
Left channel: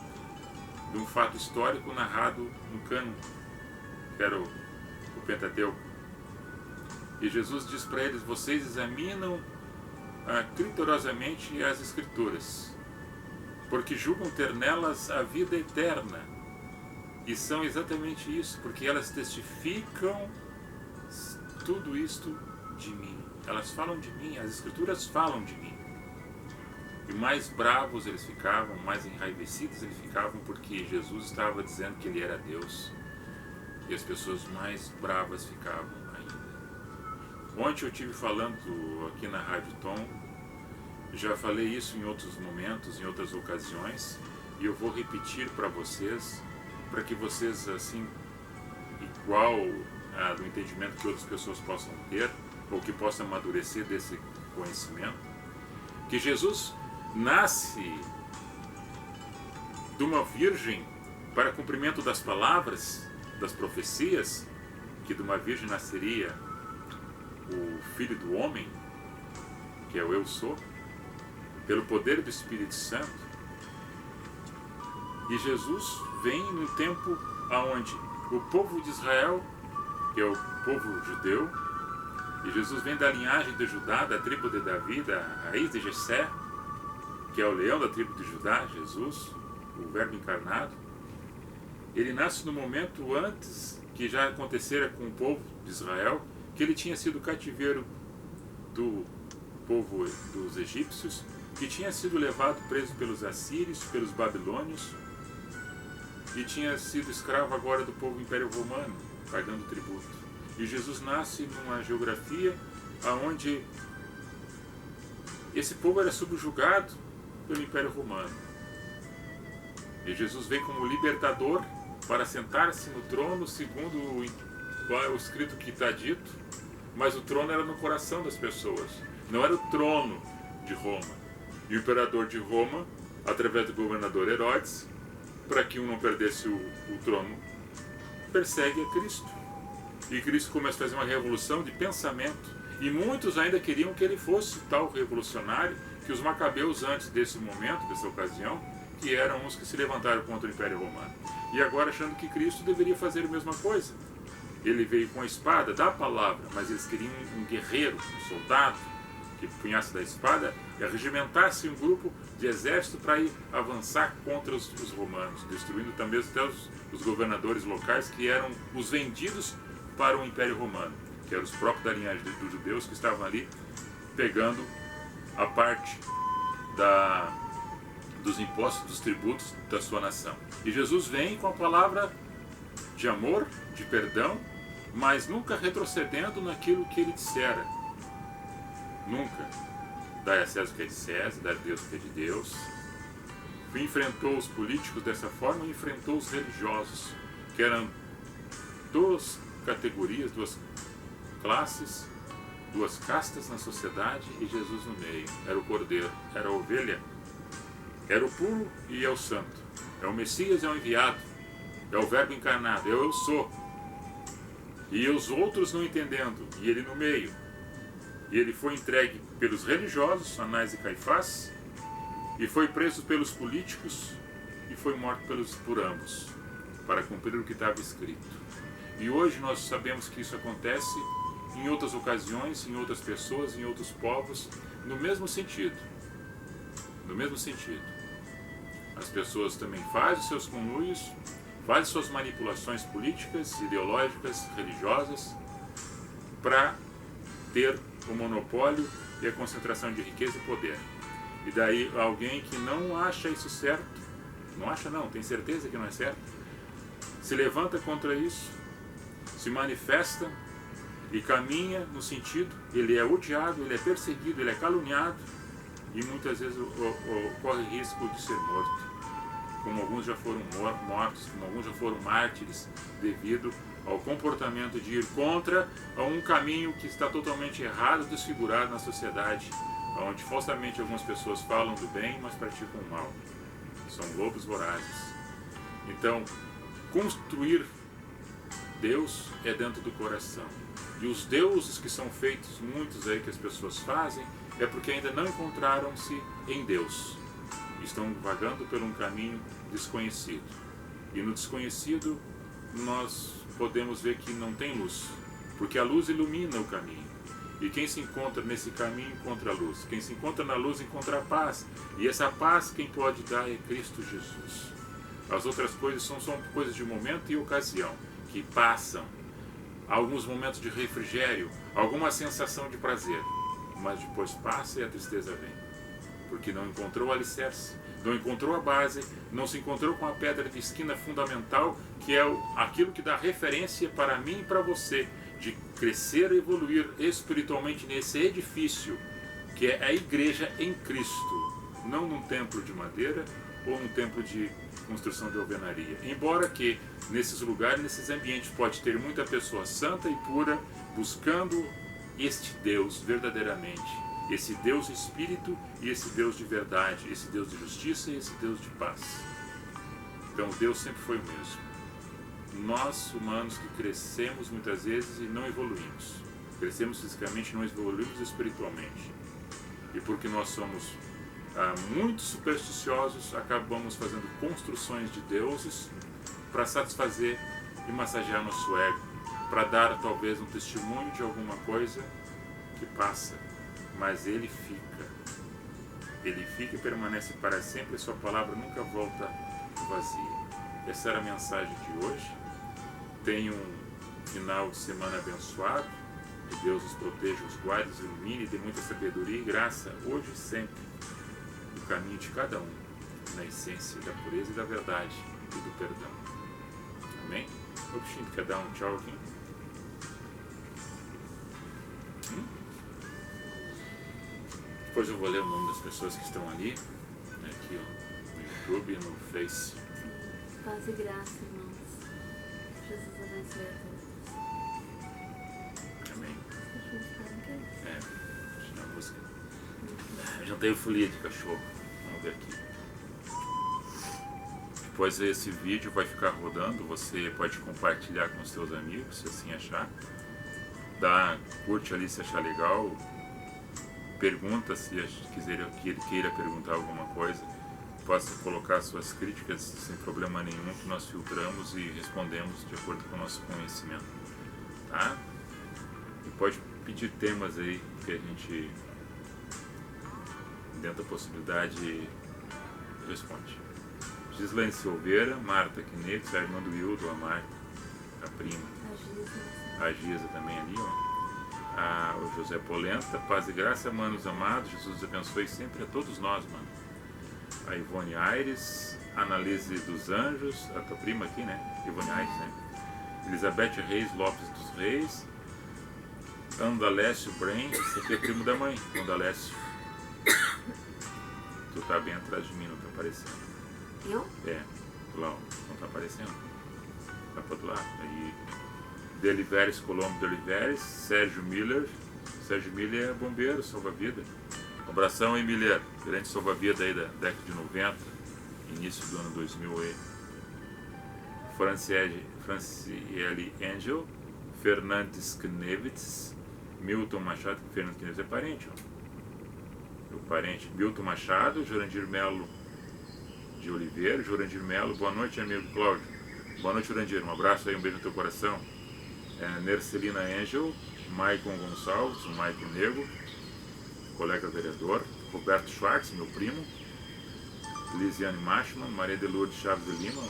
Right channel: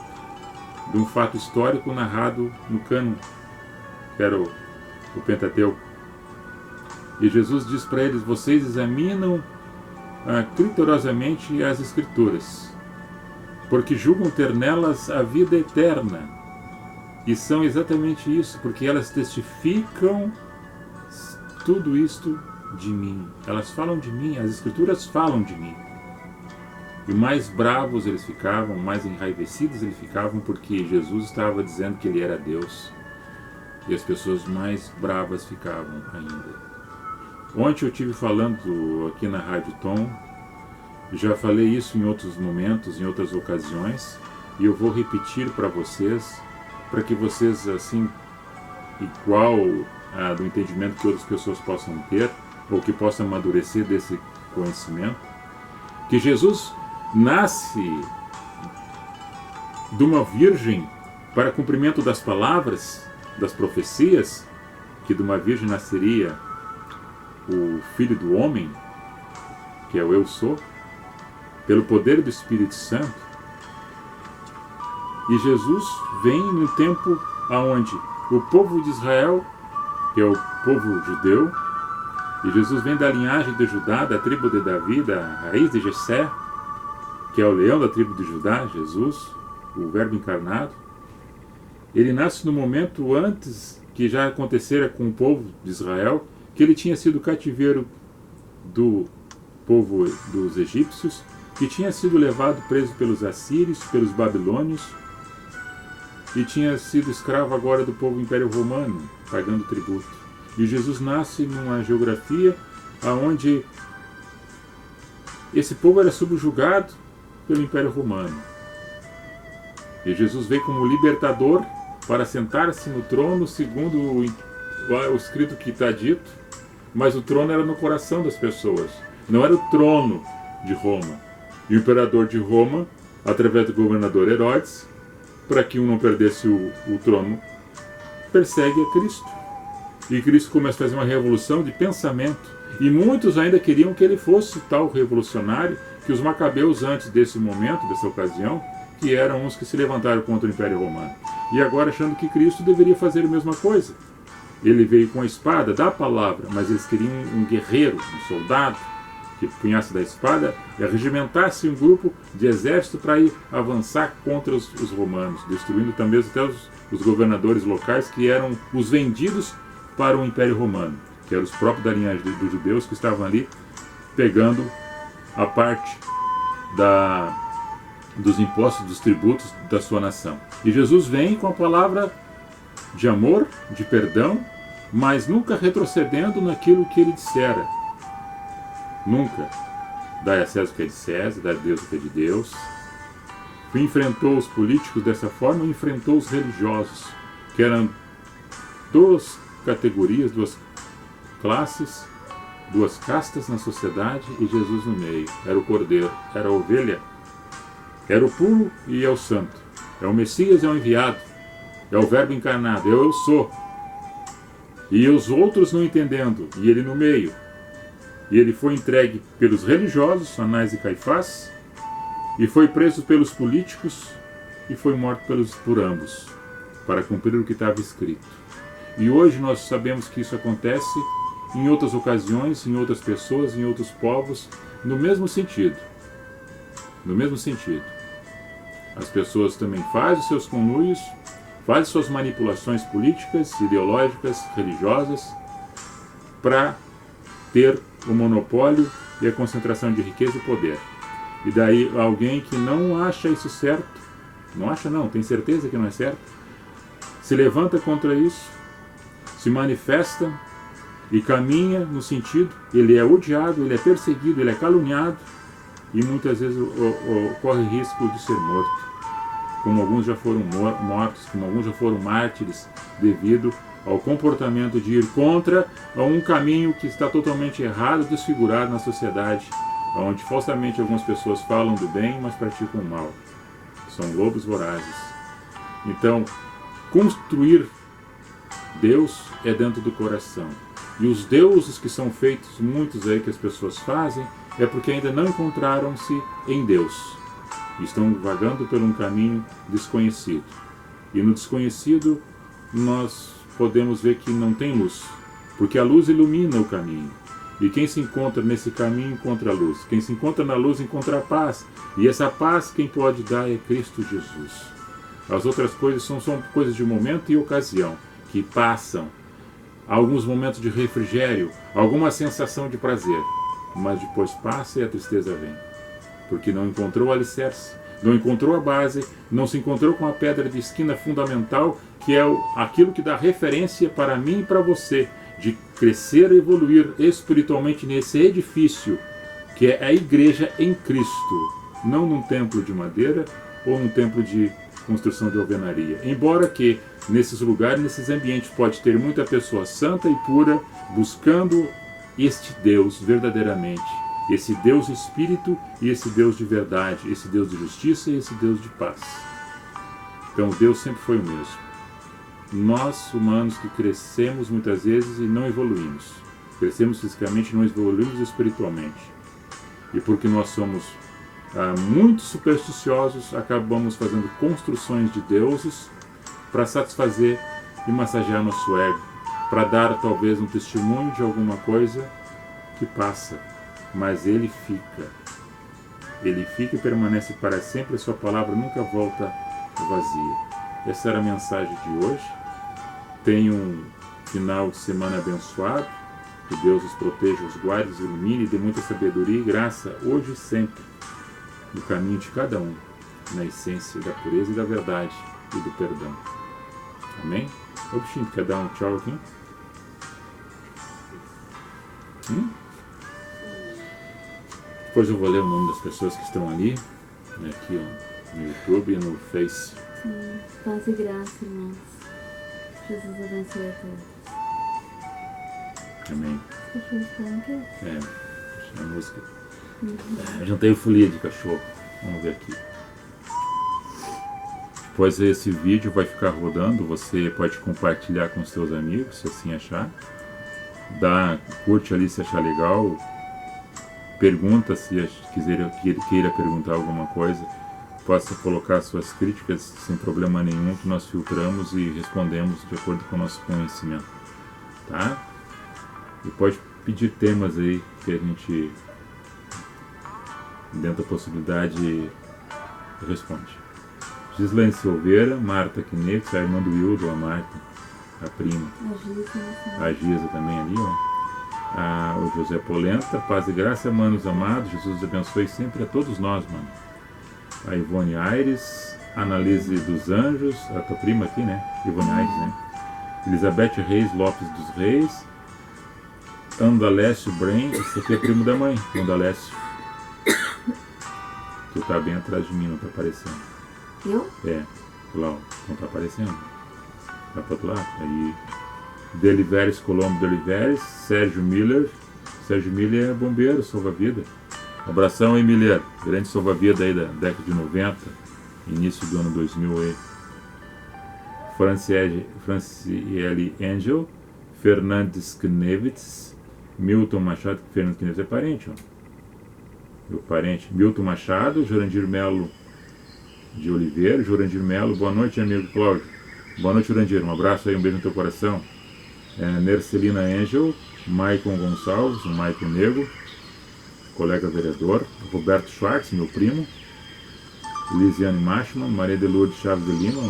de um fato histórico narrado no cânon, que era o Pentateuco. E Jesus diz para eles: vocês examinam criteriosamente as Escrituras, porque julgam ter nelas a vida eterna. E são exatamente isso, porque elas testificam tudo isto de mim. Elas falam de mim, as Escrituras falam de mim. E mais bravos eles ficavam, mais enraivecidos eles ficavam, porque Jesus estava dizendo que ele era Deus. E as pessoas mais bravas ficavam ainda. Ontem eu estive falando aqui na Rádio Tom, já falei isso em outros momentos, em outras ocasiões, e eu vou repetir para vocês, para que vocês, assim, igual do entendimento que outras pessoas possam ter, ou que possam amadurecer desse conhecimento, que Jesus nasce de uma virgem para cumprimento das palavras, das profecias, que de uma virgem nasceria o Filho do Homem, que é o Eu Sou, pelo poder do Espírito Santo. E Jesus vem num tempo onde o povo de Israel, que é o povo judeu, e Jesus vem da linhagem de Judá, da tribo de Davi, da raiz de Jessé, que é o leão da tribo de Judá, Jesus, o Verbo encarnado. Ele nasce no momento antes que já acontecera com o povo de Israel, que ele tinha sido cativeiro do povo dos egípcios, que tinha sido levado preso pelos assírios, pelos babilônios, e tinha sido escravo agora do povo Império Romano, pagando tributo. E Jesus nasce numa geografia onde esse povo era subjugado pelo Império Romano. E Jesus veio como libertador para sentar-se no trono, segundo o escrito que está dito, mas o trono era no coração das pessoas, não era o trono de Roma. E o imperador de Roma, através do governador Herodes, para que um não perdesse o trono, persegue a Cristo. E Cristo começa a fazer uma revolução de pensamento. E muitos ainda queriam que ele fosse tal revolucionário que os macabeus, antes desse momento, dessa ocasião, que eram os que se levantaram contra o Império Romano. e agora achando que Cristo deveria fazer a mesma coisa. Ele veio com a espada da palavra, mas eles queriam um guerreiro, um soldado, que punhasse da espada e arregimentasse um grupo de exército para ir avançar contra os romanos, destruindo também até os governadores locais que eram os vendidos para o Império Romano, que eram os próprios da linhagem dos judeus que estavam ali pegando a parte dos impostos, dos tributos da sua nação. E Jesus vem com a palavra de amor, de perdão, mas nunca retrocedendo naquilo que ele dissera. Nunca. Dai a César o que é de César, dai a Deus o que é de Deus. Enfrentou os políticos dessa forma e enfrentou os religiosos, que eram duas categorias, duas classes, duas castas na sociedade, e Jesus no meio. Era o cordeiro, era a ovelha, era o puro e é o santo. É o Messias, é o enviado, é o verbo encarnado, é o eu sou. E os outros não entendendo, e ele no meio. E ele foi entregue pelos religiosos, Anás e Caifás, e foi preso pelos políticos, e foi morto por ambos, para cumprir o que estava escrito. E hoje nós sabemos que isso acontece em outras ocasiões, em outras pessoas, em outros povos, no mesmo sentido. No mesmo sentido. As pessoas também fazem os seus conluios, fazem suas manipulações políticas, ideológicas, religiosas, para ter o monopólio e a concentração de riqueza e poder. E daí alguém que não acha isso certo, não acha não, tem certeza que não é certo, se levanta contra isso, se manifesta e caminha no sentido, ele é odiado, ele é perseguido, ele é caluniado e muitas vezes corre risco de ser morto. Como alguns já foram mortos, como alguns já foram mártires devido ao comportamento de ir contra um caminho que está totalmente errado, desfigurado na sociedade, onde falsamente algumas pessoas falam do bem, mas praticam o mal. São lobos vorazes. Então, construir Deus é dentro do coração. E os deuses que são feitos, muitos aí que as pessoas fazem, é porque ainda não encontraram-se em Deus. Estão vagando por um caminho desconhecido. E no desconhecido, nós podemos ver que não tem luz, porque a luz ilumina o caminho. E quem se encontra nesse caminho encontra a luz. Quem se encontra na luz encontra a paz. E essa paz quem pode dar é Cristo Jesus. As outras coisas são coisas de momento e ocasião, que passam. Alguns momentos de refrigério, alguma sensação de prazer. Mas depois passa e a tristeza vem. Porque não encontrou o alicerce, não encontrou a base, não se encontrou com a pedra de esquina fundamental, que é aquilo que dá referência para mim e para você, de crescer e evoluir espiritualmente nesse edifício, que é a igreja em Cristo, não num templo de madeira ou num templo de construção de alvenaria. Embora que nesses lugares, nesses ambientes, pode ter muita pessoa santa e pura, buscando este Deus verdadeiramente, esse Deus Espírito e esse Deus de verdade, esse Deus de justiça e esse Deus de paz. Então Deus sempre foi o mesmo. Nós, humanos, que crescemos muitas vezes e não evoluímos. Crescemos fisicamente e não evoluímos espiritualmente. E porque nós somos muito supersticiosos, acabamos fazendo construções de deuses para satisfazer e massagear nosso ego, para dar talvez um testemunho de alguma coisa que passa, mas ele fica. Ele fica e permanece para sempre, a sua palavra nunca volta vazia. Essa era a mensagem de hoje. Tenha um final de semana abençoado, que Deus os proteja, os guarde, os ilumine e dê muita sabedoria e graça, hoje e sempre, no caminho de cada um, na essência da pureza e da verdade e do perdão. Amém? Ô bichinho, quer dar um tchau aqui? Depois eu vou ler o nome das pessoas que estão ali, aqui ó, no YouTube e no Face. Sim, paz e graça, irmãos. Jesus abençoe a todos. Amém. Os cachorros falam o quê? A música. Eu jantei folia de cachorro. Vamos ver aqui. Depois esse vídeo vai ficar rodando. Você pode compartilhar com os seus amigos, se assim achar. Curte ali se achar legal. Pergunta se queira perguntar alguma coisa possa colocar suas críticas sem problema nenhum, que nós filtramos e respondemos de acordo com o nosso conhecimento, tá? E pode pedir temas aí que a gente, dentro da possibilidade, responde. Gislaine Silveira, Marta Quinetes, a irmã do Hildo, a Marta, a prima. A Giza também ali, ó. O José Polenta, paz e graça, manos amados, Jesus abençoe sempre a todos nós, mano. A Ivone Aires, Analise dos Anjos, a tua prima aqui, né? Ivone Aires, né? Elizabeth Reis Lopes dos Reis, Andalécio Bren, esse aqui é primo da mãe, Andalécio. Tu tá bem atrás de mim, não tá aparecendo. Eu? É, lá, ó, não tá aparecendo. Vai pro outro lado. Aí, Deliveres Colombo Deliveres, Sérgio Miller. Sérgio Miller é bombeiro, salva-vida. Um abração aí, Miller. Grande salva-vida aí da década de 90, início do ano 2000 aí. Franciele Angel, Fernandes Knevitz, Milton Machado. Fernandes Knevitz é parente, ó. Meu parente. Milton Machado, Jurandir Melo de Oliveira. Jurandir Melo, boa noite, amigo Cláudio. Boa noite, Jurandir. Um abraço aí, um beijo no teu coração. Nercelina Angel, Maicon Gonçalves, o Maicon Nego, colega vereador. Roberto Schwartz, meu primo. Lisiane Machman, Maria de Lourdes Chaves de Lima,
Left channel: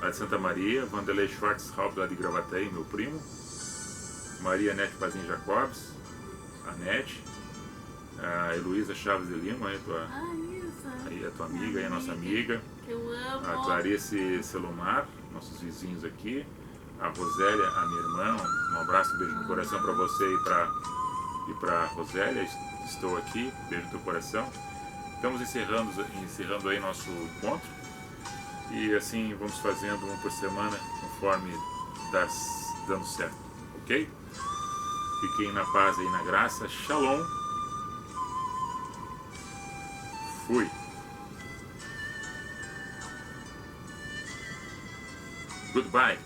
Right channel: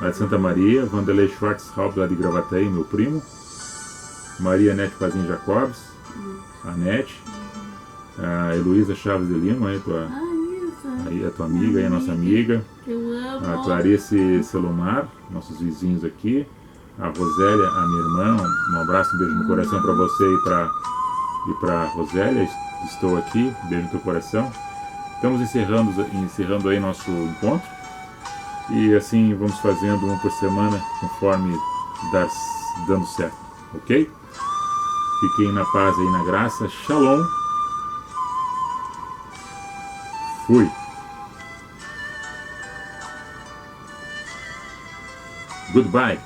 lá de Santa Maria. Vanderlei Schwartz Haupt, lá de Gravataí, meu primo. Maria Nete Pazin Jacobs, a Nete. A Heloísa Chaves de Lima, aí a tua amiga, aí a nossa amiga. Que eu amo. A Clarice Selomar, nossos vizinhos aqui. A Rosélia, a minha irmã, um abraço, um beijo no coração para você e para Rosélia. Estou aqui, um beijo no teu coração. Estamos encerrando aí nosso encontro. E assim vamos fazendo um por semana, conforme dando certo, ok? Fiquem na paz e na graça. Shalom. Fui. Goodbye.